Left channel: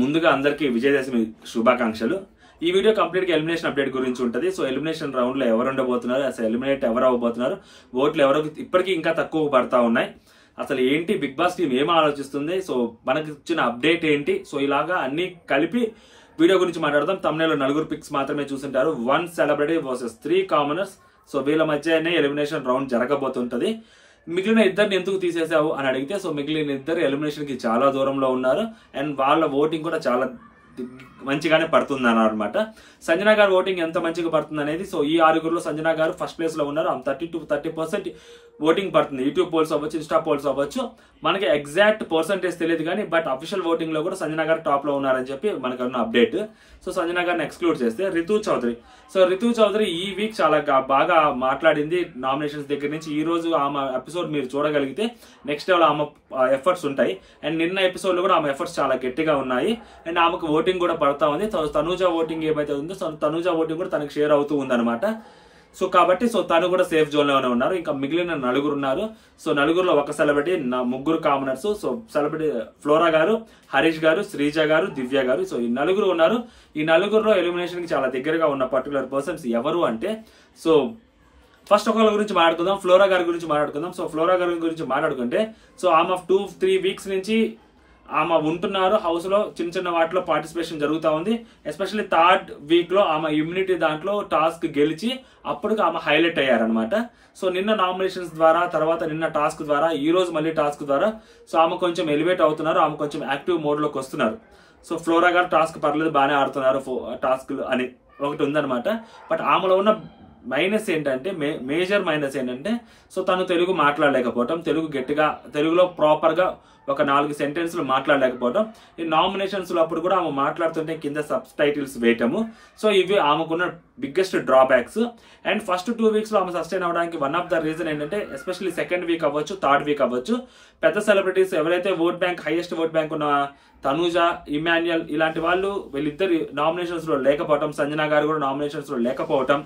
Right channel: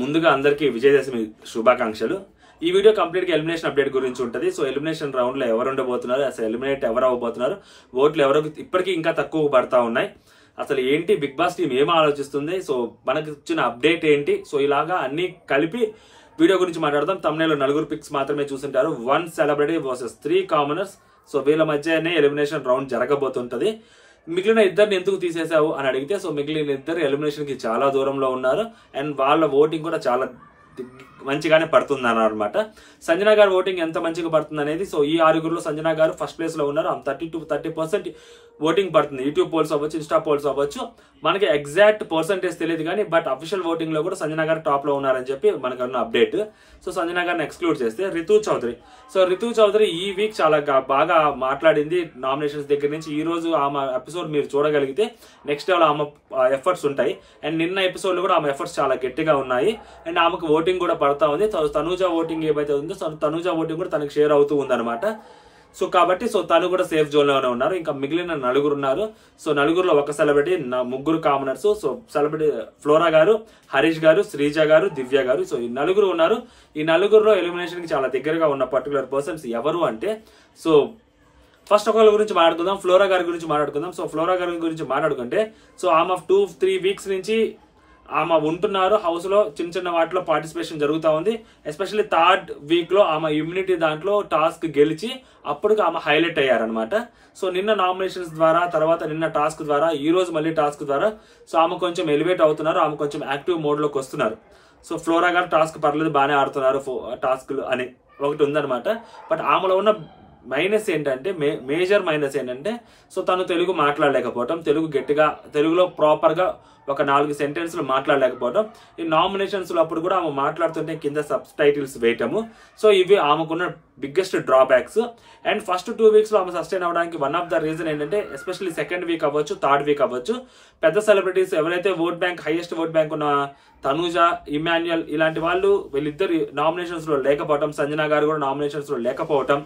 ముందుగా అందరికీ విజయదశమి శుభాకాంక్షలు. ఈ వీడియో కంప్లీట్ గా ఎలిమినేషన్ అప్డేట్ గురించి ఉంటుంది. సో ఎలిమినేషన్ రౌండ్ లో ఎవరు ఉండబోతున్నారు, అసలు ఎలిమినేట్ ఎవరు అవ్వబోతున్నారు, ఓట్లు ఎవరు ఇప్పటికీ ఇంకా తక్కువ పడతా ఉన్నాయి, అసలు ఏంటి బిగ్ బాస్ టీం ఏం ఆలోచిస్తుంది, సో మనకి ఇచ్చిన అప్డేట్ ఏంటి, సో ఇలాగా అన్ని కలిపి వీడియో గురించి మాట్లాడదాం. తమ్నేలో 4 పిక్స్ మాత్రమే చూసింటారు. 1 సెలబ్రిటీ వర్సెస్ 3 కామనర్స్. సో వీళ్ళ మధ్యనే ఎలిమినేషన్ రౌండ్ జరగబోతుంటది. మిగిలిన ఇద్దరిని ఎందుకు తీసేసావు అని అడిగితే, సో మిగిలిన ఇద్దరు ఎలిమినేషన్ కి చాలా దూరంలో ఉన్నారు అండ్ వాళ్ళ ఓటింగ్ కూడా చాలా మంచిగానే పడుతుంది అన్నమాట. సంజన గారు ఓటింగ్ ఎంత మంచిగా పడుతుంది అనేది, సో ఈ 6గురిలో సంజన గారు ఫస్ట్ ప్లేస్ లో ఉన్నారు. 30% ఓటింగ్ పడుతుంది. యూట్యూబ్ పోల్స్ అవ్వచ్చు, ఇన్స్టా పోల్స్ అవ్వచ్చు, మనకి ఎగ్జాక్ట్ పర్సంటేజ్ తెలియదు కానీ బట్ అఫీషియల్ ఓటింగ్ లో కూడా సంజన గారు టాప్ లో ఉన్నారని చెప్పి మనకు ఉన్న అప్డేట్. సో సంజన గారిని ఎక్స్క్లూడ్ చేస్తే రితు చౌదరి. సో రితు చౌదరి ఈ వీక్ చాలా బాగా మాట్లాడింది నామినేషన్స్ దగ్గర నుంచి. ఈ రోజు ఆమె ఎపిసోడ్ మీరు చూడగలిగితే నెక్స్ట్ లెవెల్ ఆమె ఎఫర్ట్స్ ఉంటాయి అండ్ నిన్న ఎపిసోడ్ లో కూడా ఆమె ఎఫర్ట్స్ చాలా గట్టిగా ఉన్నాయి అండ్ ఆమెకు ఓటింగ్ కూడా పడతా ఉంది. తనూజ ఓటింగ్ ఏవైతే ఉందో తనూజ ఓటింగ్ కూడా తనకు షేర్ అవుతూ ఉందన్నమాట. సో కాబట్టి తను కూడా సేఫ్ జోన్ లోనే ఉన్నారు. ఇంకా మిగిలిన 4 ఉన్నారు. సో 4గురిలో ఒక celebrity, 3 commoners. So celebrity flora గారు, హరీష్ గారు, శ్రీజ గారు, దివ్య గారు. సో ఈ 4 ఉన్నారు. ఈ 4గురిలో ఎలిమినేషన్ కి చాలా దగ్గరగా ఉన్న పర్టికులర్ పర్సన్స్ ఎవరు అంటే, సో ఫస్ట్ ఒకళ్ళ గురించి మాట్లాడుకుందాం, ఫ్లోరా గారి గురించి మాట్లాడుకుందాం. సో ఫ్లోరా గారి గురించి మాట్లాడుకుంటే, సో ఆమె 2-3 వీక్స్ నుంచి ఆమె ఉంటున్నారు హౌస్ లో, చిన్న వాటిలో పార్టిసిపేషన్ జరుగుతూ ఉంది. ఎస్పెషల్లీ 3rd వీక్ లో ఆమె ఇమ్యూనిటీ దాంట్లో టాస్క్ గెలిచి అప్పుడు ఆమె హైలైట్ అయ్యారనమాట. సో నిన్న నామినేషన్స్ ద్వారా, తర్వాత నిన్న టాస్క్ ద్వారా, ఈ రోజు మళ్ళీ టాస్క్ ద్వారా సో ఆమె కొంచెం ఎలివేట్ అవుతున్నారు, ఆమె కొంచెం యాక్టివ్ మోడ్ లోకి వస్తున్నారు. సో ఫ్లోరా గారు టాస్క్ పర్లేదు బాగానే ఆడుతున్నారు టాస్క్లు అని ఒకటి ఉందనమాట. బట్ ఆమెలో ఉన్న మైనస్ ఏంటంటే, మేజర్ మైనస్ ఏంటంటే, సో తను తెలుగు మాట్లాడలేకపోవటం, తెలుగు గట్టిగా తెలుగులో ప్రాపర్ గా ఒక 4 సెంటెన్స్లు మాట్లాడలేకపోవడం. ఈ నామినేషన్స్ లో అప్పుడు కూడా ఆమె మాట్లాడుతుంటే కింద సబ్ టైటిల్స్ వేయటము. సో ఇవి ఆమెకున్న biggest drawbacks. And first 2 weeks లో ఆమె సస్టైన్ అవడానికి వన్ ఆఫ్ ద రీజన్ ఏంటంటే, ఎస్పెషల్లీ 2nd వీక్ అవ్వచ్చు, 3rd వీక్ అవ్వచ్చు, పెద్ద సెలబ్రిటీస్ ఎవరైతే vote bank highest vote bank ఉన్న తనూజ, ఇమాన్యుయల్ ఇలాంటి వాళ్ళు వీళ్ళిద్దరు నామినేషన్స్ లో లేకపోవటం, సంజన గారు కూడా నామినేషన్స్ లో లేకపోవటం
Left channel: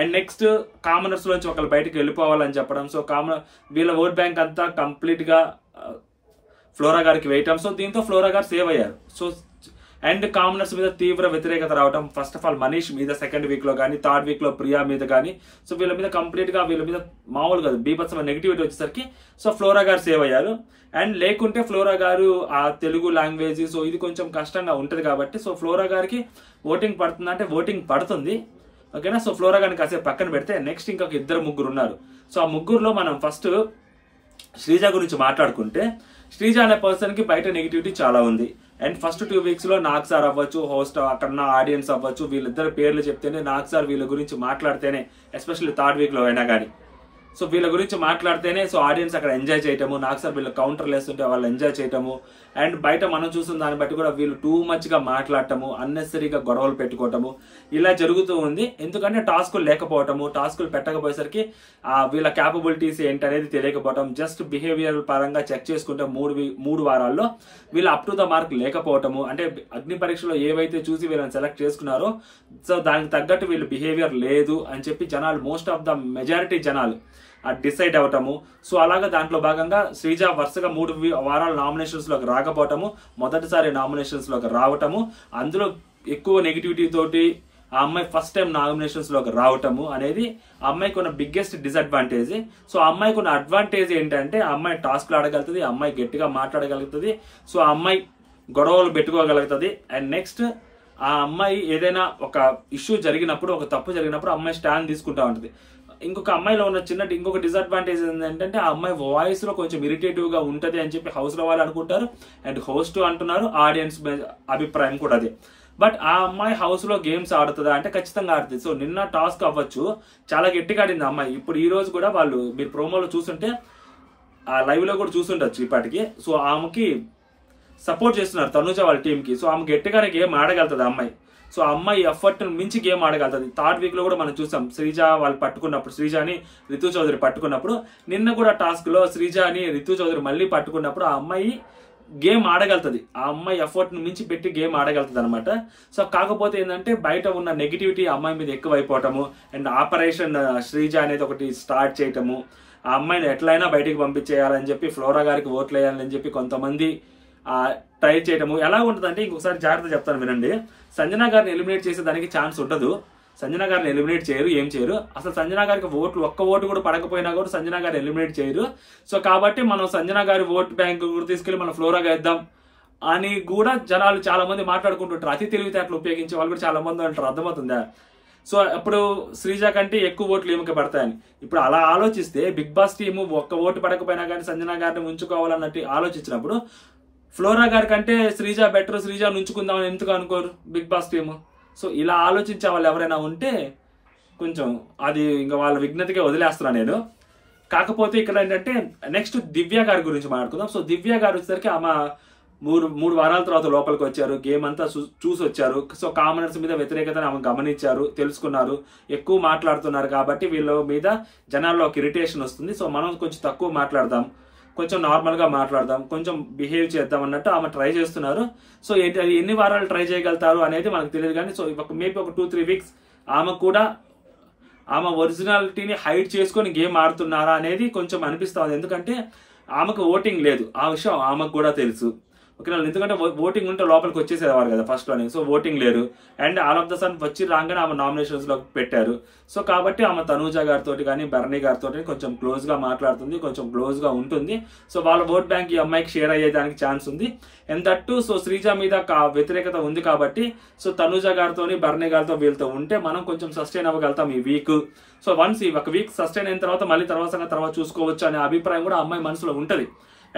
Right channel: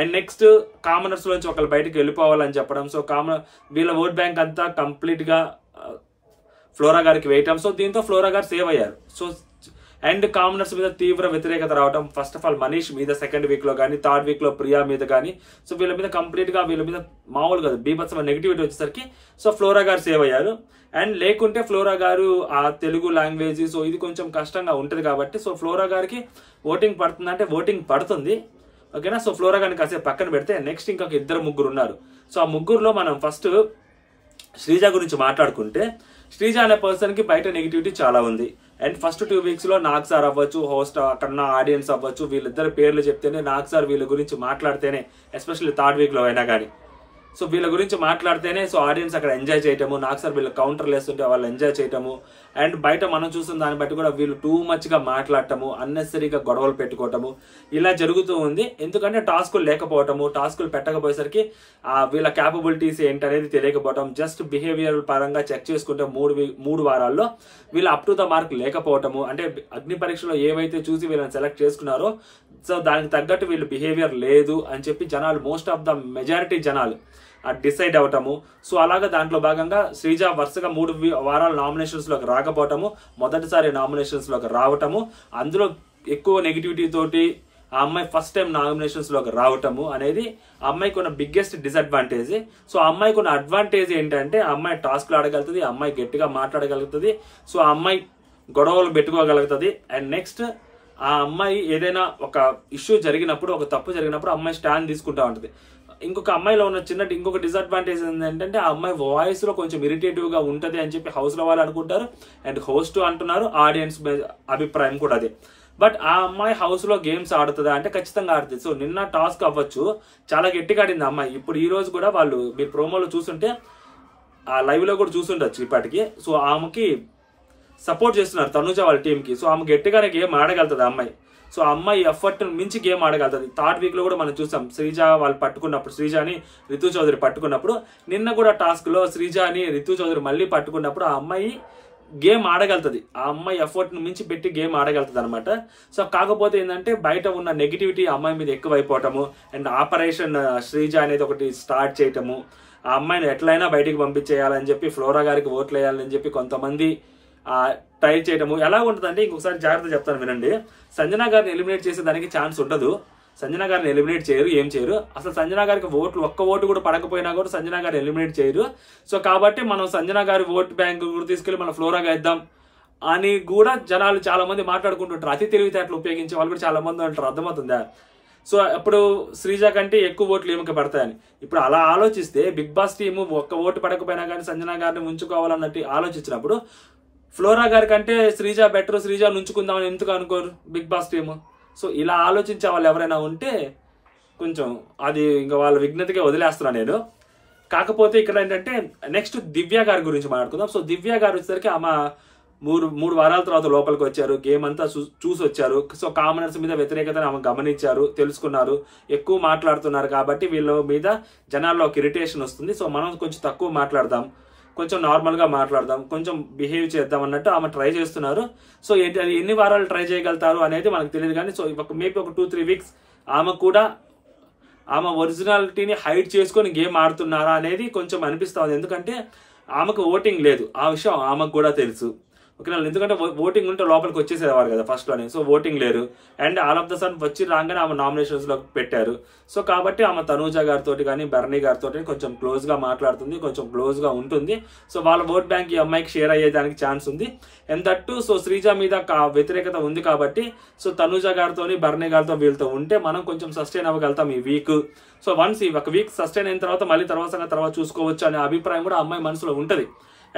అండ్ నెక్స్ట్ కామనర్స్ నుంచి ఒకళ్ళు బయటకు వెళ్ళిపోవాలని చెప్పడం. సో వీళ్ళ ఓట్ బ్యాంక్ అంతా కంప్లీట్ గా ఫ్లోరా గారికి వేయటం. సో దీంతో ఫ్లోరా గారు సేవ్ అయ్యారు. సో అండ్ కామనర్స్ మీద తీవ్ర వ్యతిరేకత రావడం. ఫస్ట్ ఆఫ్ ఆల్ మనీష్ మీద 2nd వీక్ లో కానీ, 3rd వీక్ లో ప్రియా మీద కానీ, సో వీళ్ళ మీద కంప్లీట్ గా వీళ్ళ మీద మామూలు కాదు బీభత్సమైన నెగిటివిటీ వచ్చేసరికి సో ఫ్లోరా గారు సేవ్ అయ్యారు. అండ్ లేకుంటే ఫ్లోరా గారు ఆ తెలుగు లాంగ్వేజ్ సో ఇది కొంచెం కష్టంగా ఉంటుంది కాబట్టి సో ఫ్లోరా గారికి ఓటింగ్ పడుతుంది అంటే ఓటింగ్ పడుతుంది, ఓకేనా. సో ఫ్లోరా గారిని కాసేపు పక్కన పెడితే నెక్స్ట్ ఇంకొక 2-3 ఉన్నారు. సో ఆ 3లో మనం ఫస్ట్ శ్రీజ గురించి మాట్లాడుకుంటే, శ్రీజ అనే పర్సన్ కి బయట నెగిటివిటీ చాలా ఉంది. అండ్ ఫస్ట్ 2 వీక్స్ లో నాగ్ సార్ అవ్వచ్చు, హోస్ట్ అక్కడ ఆడియన్స్ అవ్వచ్చు, వీళ్ళిద్దరు పేర్లు చెప్తేనే, నాగ్ సార్ వీళ్ళ గురించి మాట్లాడితేనే, ఎస్పెషల్లీ 3rd వీక్ లో అయినా కానీ సో వీళ్ళ గురించి మాట్లాడితేనే సో ఆడియన్స్ అక్కడ ఎంజాయ్ చేయటము, నాగ్ సార్ వీళ్ళ కౌంటర్లు వేస్తుంటే వాళ్ళు ఎంజాయ్ చేయటము. అండ్ బయట మనం చూసిన దాన్ని బట్టి కూడా వీళ్ళు టూ మచ్ గా మాట్లాడటము, అన్నెసరీగా గొడవలు పెట్టుకోవటము ఇలా జరుగుతూ ఉంది. ఎందుకంటే టాస్కులు లేకపోవటము, టాస్కులు పెట్టకపోయేసరికి వీళ్ళ క్యాపబిలిటీస్ ఏంటనేది తెలియకపోవటం, జస్ట్ బిహేవియర్ పరంగా చెక్ చేసుకుంటే 3 వారాల్లో వీళ్ళ అప్ టు ద మార్క్ లేకపోవటము. అంటే అగ్ని పరీక్షలో ఏవైతే చూసి వీళ్ళని సెలెక్ట్ చేసుకున్నారో సో దానికి తగ్గట్టు వీళ్ళు బిహేవియర్ లేదు అని చెప్పి జనాలు, మోస్ట్ ఆఫ్ ద మెజారిటీ జనాలు డిసైడ్ అవటము. సో అలాగా దాంట్లో భాగంగా శ్రీజ వరుసగా 3 వారాల నామినేషన్స్ లోకి రాకపోవటము, మొదటిసారి నామినేషన్స్ లోకి రావటము, అందులో ఎక్కువ నెగిటివిటీ తోటి ఆ అమ్మాయి ఫస్ట్ టైం నామినేషన్స్ లోకి రావటము అనేది ఆ అమ్మాయికి ఉన్న బిగ్గెస్ట్ డిసడ్వాంటేజ్. సో ఆ అమ్మాయికి ఉన్న అడ్వాంటేజ్ ఏంటంటే, ఆ అమ్మాయి టాస్క్లు ఆడగలుగుతుంది, ఆ అమ్మాయి గట్టిగా మాట్లాడగలుగుతుంది, సో ఆ అమ్మాయి గొడవలు పెట్టుకోగలుగుతుంది. అండ్ నెక్స్ట్ ఆ అమ్మాయి ఏదైనా ఒక ఇష్యూ జరిగినప్పుడు, ఒక తప్పు జరిగినప్పుడు అమ్మాయి స్టాండ్ తీసుకుంటా ఉంటుంది. ఇంకొక అమ్మాయిలో ఉన్న ఇంకొక డిసడ్వాంటేజ్ ఏంటంటే, ఆ అమ్మాయి వాయిస్ లో కొంచెం ఇరిటేటివ్ గా ఉంటది అని చెప్పి హౌస్ లో వాళ్ళు అనుకుంటారు అండ్ హోస్ట్ అంటున్నారు, ఆడియన్స్ అభిప్రాయం కూడా అదే. బట్ ఆ అమ్మాయి హౌస్ లో గేమ్స్ ఆడుతుందా అంటే ఖచ్చితంగా ఆడుతుంది. సో నిన్న టాస్క్ అవ్వచ్చు చాలా గట్టిగా ఆడింది అమ్మాయి. ఇప్పుడు ఈ రోజు కూడా వాళ్ళు మీరు ప్రోమోలో చూస్తుంటే, ఆ లైవ్ లో కూడా చూస్తుండొచ్చు ఇప్పటికి, సో ఆమెకి సపోర్ట్ చేస్తున్నారు తనూజ వాళ్ళ టీమ్ కి. సో ఆమె గట్టిగానే గేమ్ ఆడగలుగుతుంది అమ్మాయి. సో అమ్మాయి ఎఫర్ట్ మించి గేమ్ ఆడగలుగుతుంది. 3rd వీక్ లో కూడా మనం చూసాం, శ్రీజ వాళ్ళు పట్టుకున్నప్పుడు, శ్రీజాని రితు చౌదరి పట్టుకున్నప్పుడు, నిన్న కూడా టాస్క్ లో శ్రీజాని రితు చౌదరి మళ్ళీ పట్టుకున్నప్పుడు ఆ అమ్మాయి గేమ్ ఆడగలుగుతుంది. ఆ అమ్మాయి ఎఫర్ట్ ని మించి పెట్టి గేమ్ ఆడగలుగుతుంది అనమాట. సో కాకపోతే ఏంటంటే బయట ఉన్న నెగిటివిటీ అమ్మాయి మీద ఎక్కువైపోవటము అండ్ ఆపరేషన్ శ్రీజ అనేది ఒకటి స్టార్ట్ చేయటము, ఆ అమ్మాయిని ఎట్లయినా బయటికి పంపించేయాలని చెప్పి ఫ్లోరా గారికి ఓట్లు వేయాలని చెప్పి కొంతమంది ట్రై చేయడము ఎలా ఉంటుందంటే, ఇంకొకసారి జాగ్రత్త చెప్తాను వినండి. సంజన గారిని ఎలిమినేట్ చేసే దానికి ఛాన్స్ ఉండదు. సంజన గారిని ఎలిమినేట్ చేయరు, ఏం చేయరు. అసలు సంజన గారికి ఒక్క ఓటు కూడా పడకపోయినా కూడా సంజన గారిని ఎలిమినేట్ చేయరు. సో కాబట్టి మనం సంజన గారి ఓట్ బ్యాంక్ కూడా తీసుకెళ్లి మనం ఫ్లోరాగా ఇద్దాం అని కూడా జనాలు చాలా మంది మాట్లాడుకుంటుంటారు. అతి తెలివితేటలు ఉపయోగించే వాళ్ళు కూడా చాలా మంది అంటారు. అర్థమవుతుందా? సో అప్పుడు శ్రీజ కంటే ఎక్కువ ఓట్లు ఈమెకి పడతాయని. ఇప్పుడు అలా ఆలోచిస్తే బిగ్ బాస్ టీము ఒక్క ఓటు పడకపోయినా కానీ సంజన గారిని ఉంచుకోవాలన్నట్టు ఆలోచించినప్పుడు ఫ్లోరా గారి కంటే శ్రీజ బెటర్, శ్రీజ ఉంచుకుందామని ఎందుకు అనుకోరు బిగ్ బాస్ టీము? సో ఇలా ఆలోచించే వాళ్ళు ఎవరైనా ఉంటే కొంచెం అది ఇంకా వాళ్ళ విఘ్నతకే వదిలేస్తున్నా నేను. కాకపోతే ఇక్కడ ఏంటంటే నెక్స్ట్ దివ్య గారి గురించి మాట్లాడుకుందాం. సో దివ్య గారు వచ్చేసరికి ఆమె మూడు వారాల తర్వాత లోపలికి వచ్చారు, గేమ్ అంతా చూసి వచ్చారు. సో కామనర్స్ మీద వ్యతిరేకతను ఆమె గమనించారు, తెలుసుకున్నారు, ఎక్కువ మాట్లాడుతున్నారు కాబట్టి వీళ్ళ మీద జనాల్లో ఒక ఇరిటేషన్ వస్తుంది. సో మనం కొంచెం తక్కువ మాట్లాడదాం, కొంచెం నార్మల్గా మాట్లాడదాం, కొంచెం బిహేవ్ చేద్దాం అన్నట్టు ఆమె ట్రై చేస్తున్నారు. సో ఏంటి అది ఎన్ని వారాలు ట్రై చేయగలుగుతారు అనేది మనకు తెలియదు. కానీ సో మేబీ ఒక 2-3 వీక్స్ ఆమె కూడా ఆమె ఒరిజినాలిటీని హైడ్ చేసుకొని గేమ్ ఆడుతున్నారా అనేది కొంచెం అనిపిస్తా ఉంది. ఎందుకంటే ఆమెకు ఓటింగ్ లేదు, ఆ విషయం ఆమెకు కూడా తెలుసు. ఓకే, ఎందుకంటే ఓటింగ్ ఉంటే లోపలికి వచ్చేసేవారు కదా ఫస్ట్ లోనే. సో ఓటింగ్ లేరు and all of the sudden వచ్చి రాగానే ఆమె నామినేషన్స్ లో పెట్టారు. సో కాబట్టి ఆమె తనూజ గారితో కానీ బర్నీ గారితో కొంచెం క్లోజ్ గా మాట్లాడుతుంది, కొంచెం క్లోజ్ గా ఉంటుంది. సో వాళ్ళ ఓట్ బ్యాంక్ ఈ అమ్మాయికి షేర్ అయ్యేదానికి ఛాన్స్ ఉంది. ఎంతట్టు సో శ్రీజ మీద వ్యతిరేకత ఉంది కాబట్టి సో తనూజ గారితో బర్నీ గారితో వీళ్ళతో ఉంటే మనం కొంచెం సస్టైన్ అవ్వగలుగుతాం ఈ వీక్. సో వన్స్ ఈ ఒక వీక్ సస్టైన్ అయిన తర్వాత మళ్ళీ తర్వాత చూసుకోవచ్చు అనే అభిప్రాయం కూడా అమ్మాయి మనసులో ఉంటది.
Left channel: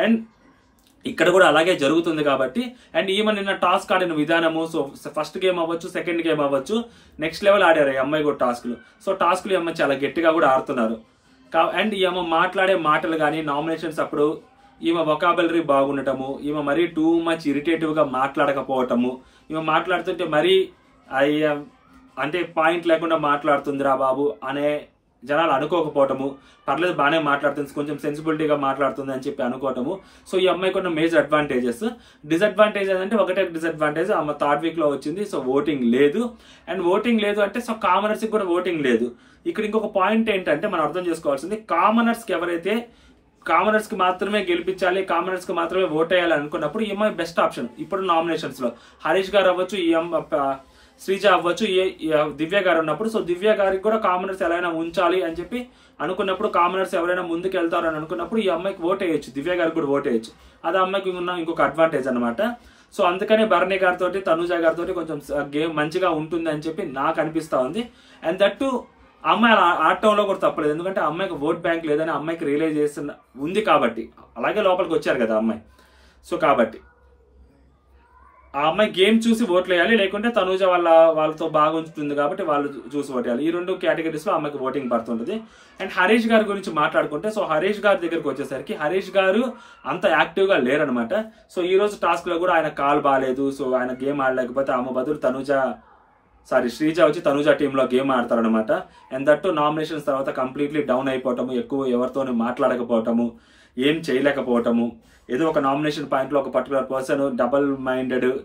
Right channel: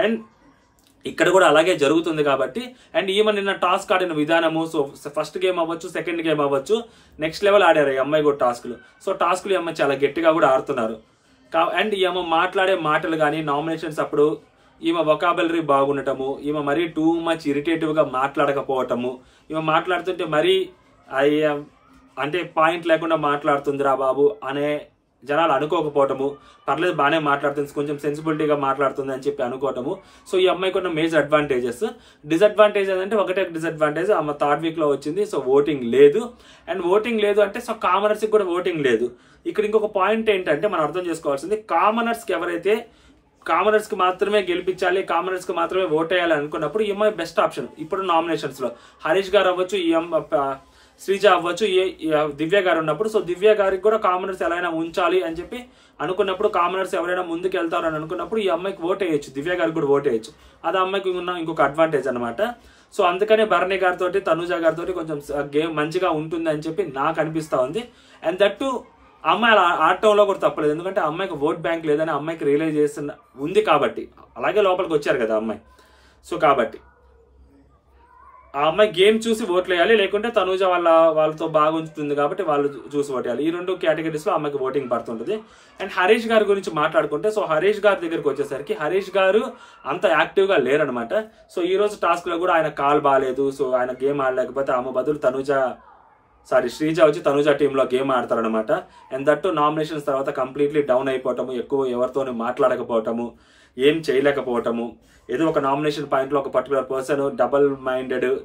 అండ్ ఇక్కడ కూడా అలాగే జరుగుతుంది కాబట్టి. అండ్ ఈమె నిన్న టాస్క్ ఆడిన విధానము, సో ఫస్ట్ గేమ్ అవ్వచ్చు, సెకండ్ గేమ్ అవ్వచ్చు, నెక్స్ట్ లెవెల్ ఆడారు ఈ అమ్మాయి కూడా టాస్క్లు. సో టాస్క్లు ఈ అమ్మాయి చాలా గట్టిగా కూడా ఆడుతున్నారు. అండ్ ఈమె మాట్లాడే మాటలు కానీ నామినేషన్స్ అప్పుడు ఈమె వొకాబులరీ బాగుండటము, ఈమె మరీ టూ మచ్ ఇరిటేటివ్ గా మాట్లాడకపోవటము, ఈమె మాట్లాడుతుంటే మరీ అంటే పాయింట్ లేకుండా మాట్లాడుతుందిరా బాబు అనే జనాలు అనుకోకపోవటము, పర్లేదు బాగానే మాట్లాడుతుంది, కొంచెం సెన్సిబిలిటీగా మాట్లాడుతుంది అని చెప్పి అనుకోవటము. సో ఈ అమ్మాయికి ఉన్న మేజర్ అడ్వాంటేజెస్. డిసడ్వాంటేజెస్ అంటే ఒకటే డిసడ్వాంటేజ్, ఆమె థర్డ్ వీక్ లో వచ్చింది. సో ఓటింగ్ లేదు. అండ్ ఓటింగ్ లేదు అంటే సో కామనర్స్ కి కూడా ఓటింగ్ లేదు. ఇక్కడ ఇంకొక పాయింట్ ఏంటంటే మనం అర్థం చేసుకోవాల్సింది, కామనర్స్ కి ఎవరైతే కామనర్స్ కి మాత్రమే గెలిపించాలి, కామనర్స్ కి మాత్రమే ఓట్ వేయాలి అనుకున్నప్పుడు ఈ అమ్మాయి బెస్ట్ ఆప్షన్. ఇప్పుడు నామినేషన్స్ లో హరీష్ గారు అవ్వచ్చు, శ్రీజ అవ్వచ్చు, దివ్య గారు ఉన్నప్పుడు. సో దివ్య గారికి కూడా కామనర్స్ ఎలా ఉంచాలి అని చెప్పి అనుకున్నప్పుడు, కామనర్స్ ఎవరైనా ముందుకు వెళ్తారు అని అనుకున్నప్పుడు ఈ అమ్మాయికి ఓట్ వేయచ్చు, దివ్య గారికి కూడా ఓట్ వేయచ్చు. అది అమ్మాయికి ఉన్న ఇంకొక అడ్వాంటేజ్ అనమాట. సో అందుకనే భరణి గారితో తనూజ గారితో కొంచెం గేమ్ మంచిగా ఉంటుంది అని చెప్పి నాకు అనిపిస్తా ఉంది. అండ్ దట్టు అమ్మాయి అలా ఆడటంలో కూడా తప్పలేదు, ఎందుకంటే అమ్మాయికి ఓట్ బ్యాంక్ లేదని అమ్మాయికి రియలైజేషన్ ఉంది కాబట్టి. అలాగే లోపలికి వచ్చారు కదా అమ్మాయి. సో కాబట్టి ఆ అమ్మాయి గేమ్ చూసి ఓట్లు వేయాలి, లేకుంటే తనూజ వాళ్ళతో బాగా ఉంచుతుంది కాబట్టి వాళ్ళు చూసి ఓటేయాలి. ఈ రెండు కేటగిరీస్ లో అమ్మాయికి ఓటింగ్ పడుతుంటది. అండ్ హరీష్ గారి గురించి మాట్లాడుకుంటే, సో హరీష్ గారి దగ్గరికి వచ్చేసరికి హరీష్ గారు అంత యాక్టివ్ గా లేరనమాట. సో ఈ రోజు టాస్క్ లో కూడా ఆయన కాల్ బాగాలేదు, సో ఆయన గేమ్ ఆడలేకపోతే ఆమె బదులు శ్రీజ వచ్చి తనూజ టీంలో గేమ్ ఆడతారనమాట. అండ్ దట్టు నామినేషన్స్ తర్వాత కంప్లీట్లీ డౌన్ అయిపోవటము, ఎక్కువ ఎవరితోనూ మాట్లాడకపోవటము, ఏం చేయలేకపోవటము, ఏదో ఒక నామినేషన్ పాయింట్ లో ఒక పర్టికులర్ పర్సన్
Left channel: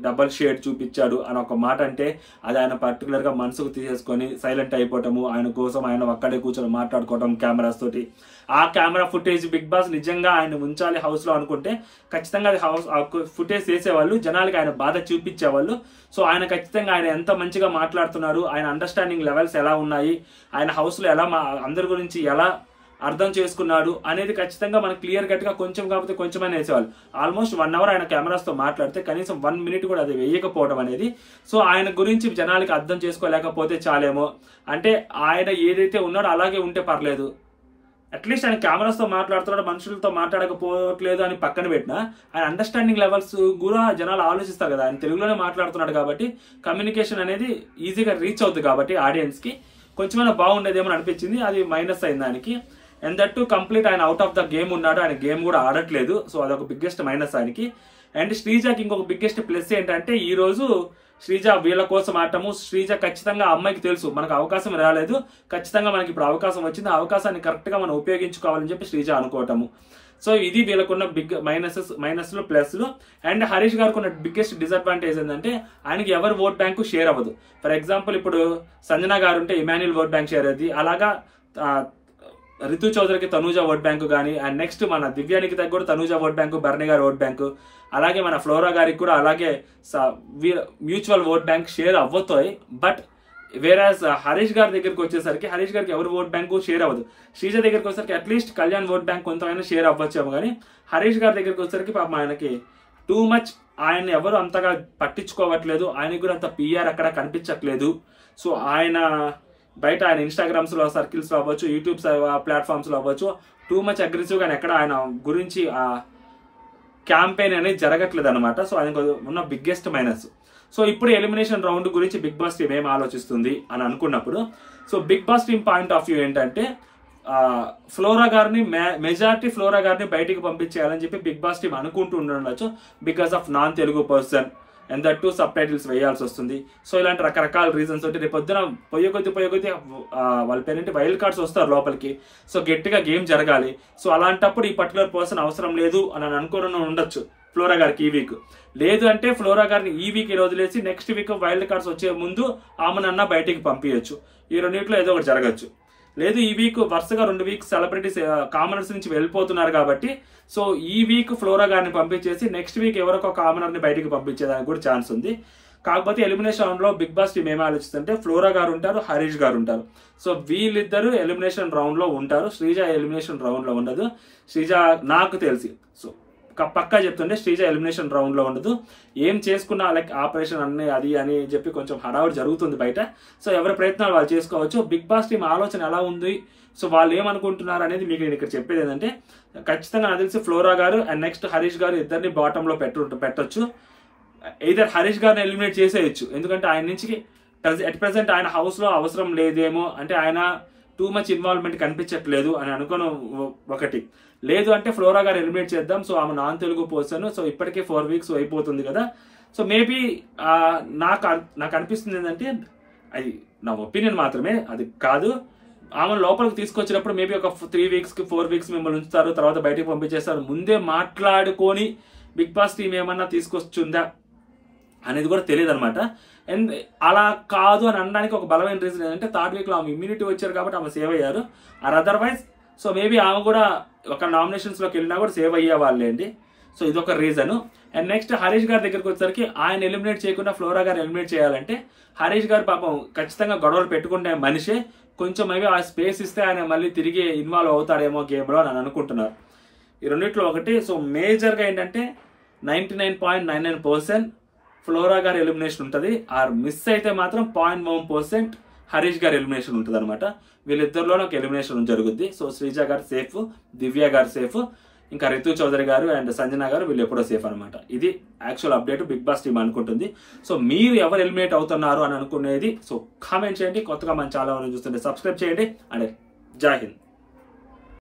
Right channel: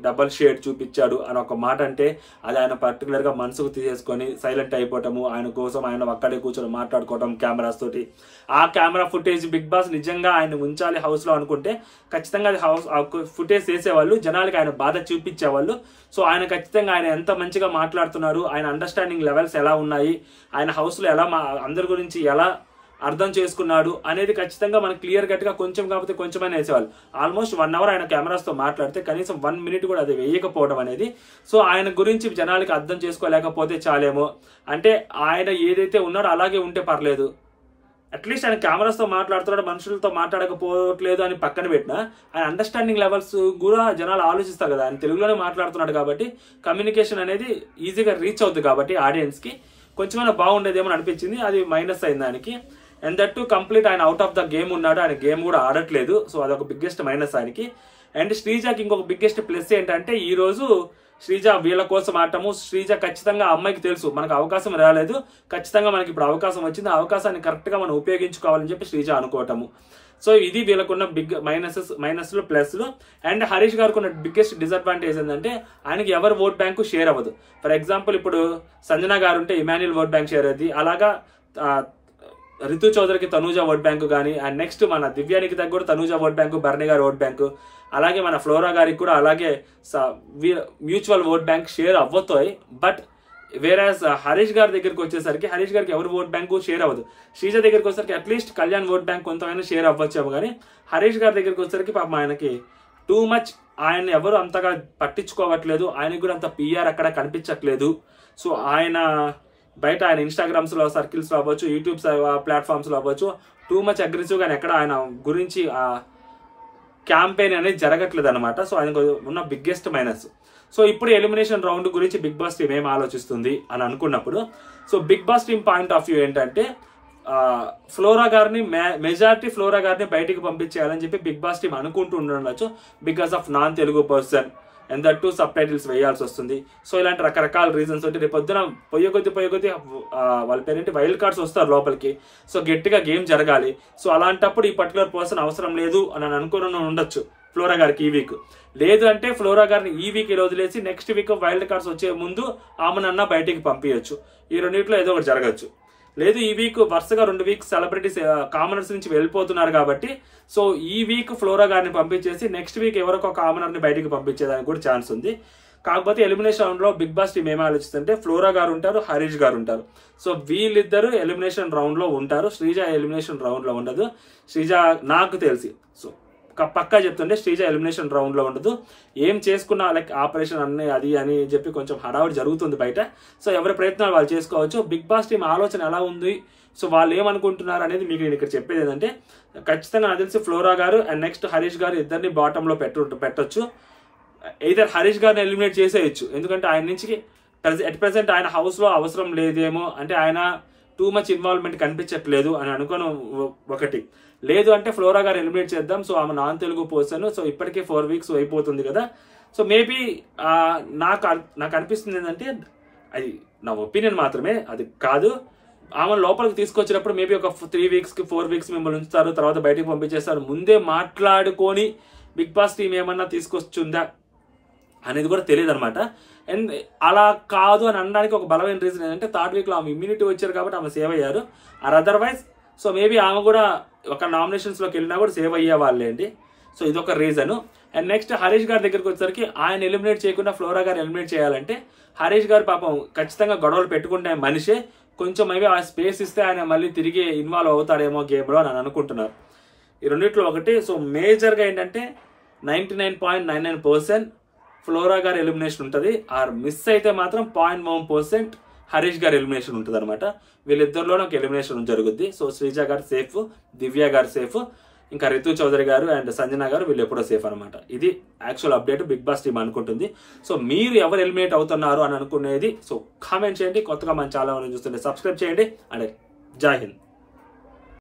డబల్ షేడ్ చూపించాడు అని ఒక మాట అంటే అది ఆయన పర్టికులర్ గా మనసుకు తీసేసుకొని సైలెంట్ అయిపోవటము, ఆయన కోసం ఆయన అక్కడే కూర్చొని మాట్లాడుకోవటం కెమెరాస్ తోటి. ఆ కెమెరా ఫుటేజ్ బిగ్ బాస్ నిజంగా ఆయన ఉంచాలి హౌస్ లో అనుకుంటే ఖచ్చితంగా అది ఫుటేజ్ చేసేవాళ్ళు, జనాలకి ఆయన బాధ చూపించేవాళ్ళు. సో ఆయన ఖచ్చితంగా ఆయన ఎంత మంచిగా మాట్లాడుతున్నారు, ఆయన అండర్స్టాండింగ్ లెవెల్స్ ఎలా ఉన్నాయి, ఆయన హౌస్ లో ఎలా అందరి గురించి ఎలా అర్థం చేసుకున్నాడు అనేది ఖచ్చితంగా మనకు క్లియర్ కట్ గా కొంచెం కాకపోతే కొంచెమైనా వేసేవాళ్ళు. ఆల్మోస్ట్ 1 hour ఆయన కెమెరాస్ తో మాట్లాడితే కనీసం 1 minute కూడా అది వేయకపోవడం అనేది, సో ఆయన గురించి జనాలకి అర్థం చేసుకోలేకపోతే చాలేమో. అంటే ఆయన ఏదైతే ఉన్నాడో అలాగే ఉంటే పర్లేదు, అట్లీస్ట్ ఆయన కెమెరాస్ తో మాట్లాడుతున్నాడు, మనుషులతో మాట్లాడకపోవట్లేదు అని పక్కన పెట్టినా ఆయన అండర్స్టాండింగ్ లెవెల్స్ కూడా జనాలు ఆలోచిస్తారు కదా. ఆయన తెలుగులోనే మాట్లాడుతున్నాడు కాబట్టి కమ్యూనికేషన్ అనేది ఈజీగా రీచ్ అవుతుంది కాబట్టి ఆడియన్స్ కి కొంచెమైనా బాగుండేదేమో అనిపించింది. అది మైనస్ అయింది దానికి. అండ్ దట్ టు కంప్లీట్ ఆయన అవుట్ ఆఫ్ ద గేమ్ ఉన్నాడు, ఆయన గేమ్ కూడా ఆడట్లేదు. సో అదొక బిగ్గెస్ట్ మైనస్ ఆయనకి. అండ్ శ్రీజకి ఇంకొక బిగ్గెస్ట్ ప్లస్ ఏంటంటే ఈ రోజు శ్రీజ వీళ్ళ కోసం ఆడటము. శ్రీజ ఖచ్చితంగా అమ్మాయికి తెలుసు మనకు అవకాశం రాలేదు, ఖచ్చితంగా మనకి ఇప్పుడు అవకాశం వచ్చింది, ఆ అవకాశాన్ని కరెక్ట్ గా మనం ఉపయోగించుకోవాలని చెప్పి శ్రీజ అనుకోవటము. సో ఇది వీళ్ళకున్న బిగ్ మైనస్లు ప్లస్లు. అండ్ హరీష్ గారికి ఉన్న బిగ్గెస్ట్ డిసడ్వాంటేజ్ ఏంటంటే ఆయనకి ఎవరు ఓట్ బ్యాంకు షేర్ అవ్వదు. ఫర్ ఎగ్జాంపుల్ ఇప్పుడు సంజన గారు ఉంటే ఇమాన్యుల్ ఓట్ బ్యాంక్ షేర్ అయ్యేది, అలాగా రితు చౌదరికి తనూజ ఓట్ బ్యాంకు కానీ, అండ్ నెక్స్ట్ మన దివ్యానికి తగ్గ కూడా తనూజ ఓట్ బ్యాంకు, భరణి గారి ఓట్ బ్యాంకు, అలాగే మన ఫ్లోరా గారికి కూడా అలాగే మ్యూచువల్ ఓట్ బ్యాంక్ షేర్ అవ్వతాయి. బట్ వేరాజ్ హరీష్ గారి దగ్గరికి వచ్చేసరికి హరీష్ గారికి ఎవరు ఓట్ బ్యాంకు షేర్ అవ్వదు. శ్రీజ దగ్గరికి వచ్చేసరికి అట్లీస్ట్ కళ్యాణ్ ఓట్ బ్యాంక్ కొంతమైనా షేర్ అవ్వచ్చేమో, కానీ హరీష్ గారి దగ్గరికి వచ్చేసరికి పాపం ఆయనకి టూ మచ్, ఆయన ఎవరు అంతగా పట్టించుకోవట్లేదు, ఆయనకు కూడా అంత పిఆర్ అక్కడ కనిపించట్లేదు. సో ఆయన బయట ఆయన ఇన్స్టాగ్రామ్స్ లో సర్కిల్స్ లో అవ్వచ్చు, యూట్యూబ్ ప్లాట్ఫామ్స్ లో అవ్వచ్చు, టూ మచ్ అగ్రెసివ్ గా ఎక్కడ ఆయన గురించి ఆ క్యాంపెయిన్ అనేది జరగట్లేదు అనమాట. సో ఆయన ఉన్న బిగ్గెస్ట్ మైనస్. సో ఇప్పుడు ఎలిమినేషన్ రౌండ్ గురించి బిగ్ బాస్ టీమ్ ఏం ఆలోచిస్తుంది అని అనుకున్నప్పుడు, so Bigg Boss team point of view ఏంటంటే ఫ్లోరా గారిని మెజారిటీ ఫ్లోరా గారిని బయటికి పంపించేయాలని చెప్పి బిగ్ బాస్ టీమ్ అనుకుంటూ ఉండొచ్చు, because of non Telugu person and that too subtitles వేయాల్సి వస్తుంది. సో ఇలాంటి రకరకాల రీజన్స్ ఉంటే రేపు పొద్దున పొయ్యి కొద్ది వాళ్ళ పేరేంటి వైల్డ్ కార్డ్స్ వస్తారు లోపలికి. సో గట్టిగా గేమ్ జరగాలి. సో అలాంటప్పుడు ఈ పర్టికులర్ పర్సన్ అవసరం లేదు అని అనుకుని ఉండొచ్చు ఫ్లోరా గారికి ఈ వీక్. లేదు అంటే ఫ్లోరా గారిని ఈ వీక్ వదిలేసి నెక్స్ట్ వీక్ వైల్డ్ కార్డ్స్ వచ్చే ముందు ఆమెనన్నా బయటికి పంపించచ్చు. ఈ రెండింటిలో ఏదో ఒకటి జరగచ్చు. లేదు ఈ వీక్ వరుసగా 2 వీక్స్ సెలబ్రిటీస్ కామనర్స్ నుంచి వెళ్ళిపోతున్నారు కాబట్టి సో ఈ వీక్ ఫ్లోరా గారిని పంపించేసి నెక్స్ట్ వీక్ ఎవరొక కామనర్ ని బయటికి పంపించేదానికి కూడా ఛాన్స్ ఉంది. కాకపోతే ఎలిమినేషన్ రౌండ్ లో బిగ్ బాస్ టీమ్ ఏమి ఆలోచిస్తుంటే ఫ్లోరా గారు ఉంటారు, హరీష్ గారు ఉంటారు. సో వీళ్ళిద్దరు ఎలిమినేషన్ రౌండ్ లో ఉంటారు. శ్రీజ ఎలిమినేషన్ రౌండ్ లో ఉండదు. శ్రీజ నాకు తెలిసి సో పక్కా చెప్తుంటే శ్రీజ ఎలిమినేషన్ రౌండ్ లో ఉండదు. ఏం చేసుకున్నా లైక్ ఆపరేషన్ అన్నీ అది అని చెప్పి కొంచెం హడావుడి జరుగుతుంది బయట. సో ఎవరి ప్రయత్నాలు వాళ్ళు చేసుకోవచ్చు. బిగ్ బాస్ టీం ఆలోచన ఎలా ఉంది, సో వాళ్ళు ఏమనుకుంటున్నారు అనేది మీకు నేను ఇక్కడ చెప్పేది ఏంటంటే, ఖచ్చితంగా నాకు తెలిసి ఫ్లోరా గారు అండ్ నెక్స్ట్ హరీష్ గారు ఇద్దరిని బాటమ్ లో పెట్టొచ్చు. ఇద్దరు హరీష్ గారిని ఎలిమినేట్ చేసేయచ్చు, ఎందుకంటే ఆయన నుంచి ఎట్ ప్రెసెంట్ ఆయన హౌస్ లో అవసరం లేదేమో, అంటే ఆయన టూ మచ్ ఇన్వాల్వ్మెంట్ కనిపించట్లేదు అని అనుకోను ఒకటి. లేదు అంటే ఫ్లోరా గారు ఎలిమినేట్ చేద్దాం, సో ఆమె నాన్ తెలుగు పర్సన్, సో ఇప్పటికే 4 వీక్స్ అయిపోతుంది కదా. సో మేబీ నాకు అనిపిస్తుంది ఏంటంటే, అది నా ఒపీనియన్ మాత్రమే, అది కాదు, ఆమె లోపలికి తీసుకొచ్చినప్పుడు మేబీ ఒక 3 వీక్స్ కి 4 వీక్స్ మిమ్మల్ని ఉంచుతారు, తర్వాత బయటకు పంపించేస్తారు. ముందే మాట్లాడుకొని బిగ్ బాస్ టీం ఏమన్నా తీసుకొచ్చుందా అనేది కూడా తెలియదు అనమాట. అండ్ అలా కాదు అని అనడానికి ఒక బలమైన రీజన్ ఏంటంటే, 3rd వీక్ లో ఆమె ఇమ్యూనిటీ వచ్చారు కాబట్టి ఆమె సేవ్ అయ్యారు. ఆర్ అదర్వైజ్ సో మేబీ ఆమె కూడా ఒక నామినేషన్స్ లోకి వెళ్ళినా కూడా సేవ్ అయ్యే వాళ్ళే అండి. సో ఇదొక రీజన్. అండ్ నెక్స్ట్ హరీష్ గారి దగ్గరికి వచ్చేసరికి ఆయన ఎలిమినేట్ చేయకుండా ఫ్లోరా గారు ఎలిమినేట్ చేయాలంటే, హరీష్ గారు పాపం ఖచ్చితంగా గొడవలు పెట్టుకునే మనిషే, కొంచెం మేబీ ఆ స్పేస్ ఇస్తే ఆయన మళ్ళీ తిరిగి ఇన్వాల్వ్ అవుతాడేమో గేమ్ లో అని అనుకుంటున్నారు. ఈ రెండిట్లో ఒకటి. సో మేజర్ గా ఏంటంటే 99.99% ఫ్లోరా గారి ఎలిమినేషన్ ఉంటుంది. ఆర్ మిస్ అయితే మాత్రం 0.1% హరీష్ గారి ఎలిమినేషన్ ఉంటుంది అనమాట. వీళ్ళిద్దరిలోనే ఒక ఎలిమినేషన్ జరుగుద్ది. సో శ్రీజ గారు సేఫ్, దివ్య గారు సేఫ్, ఇంకా రితు చౌదరి గారు అండ్ సంజన గారు వీళ్ళు ఎప్పుడో సేఫ్ అనమాట. ఇది actual update Bigg Boss team అనుకుంటుంది. సో మీరు ఎవరు ఎలిమినేట్ అవుతున్నారు అని అనుకునేది సో కామెంట్ చేయండి. కొత్తగా మన ఛానల్ చూస్తుంటే సబ్స్క్రైబ్ చేయండి. అండ్ జై హింద్.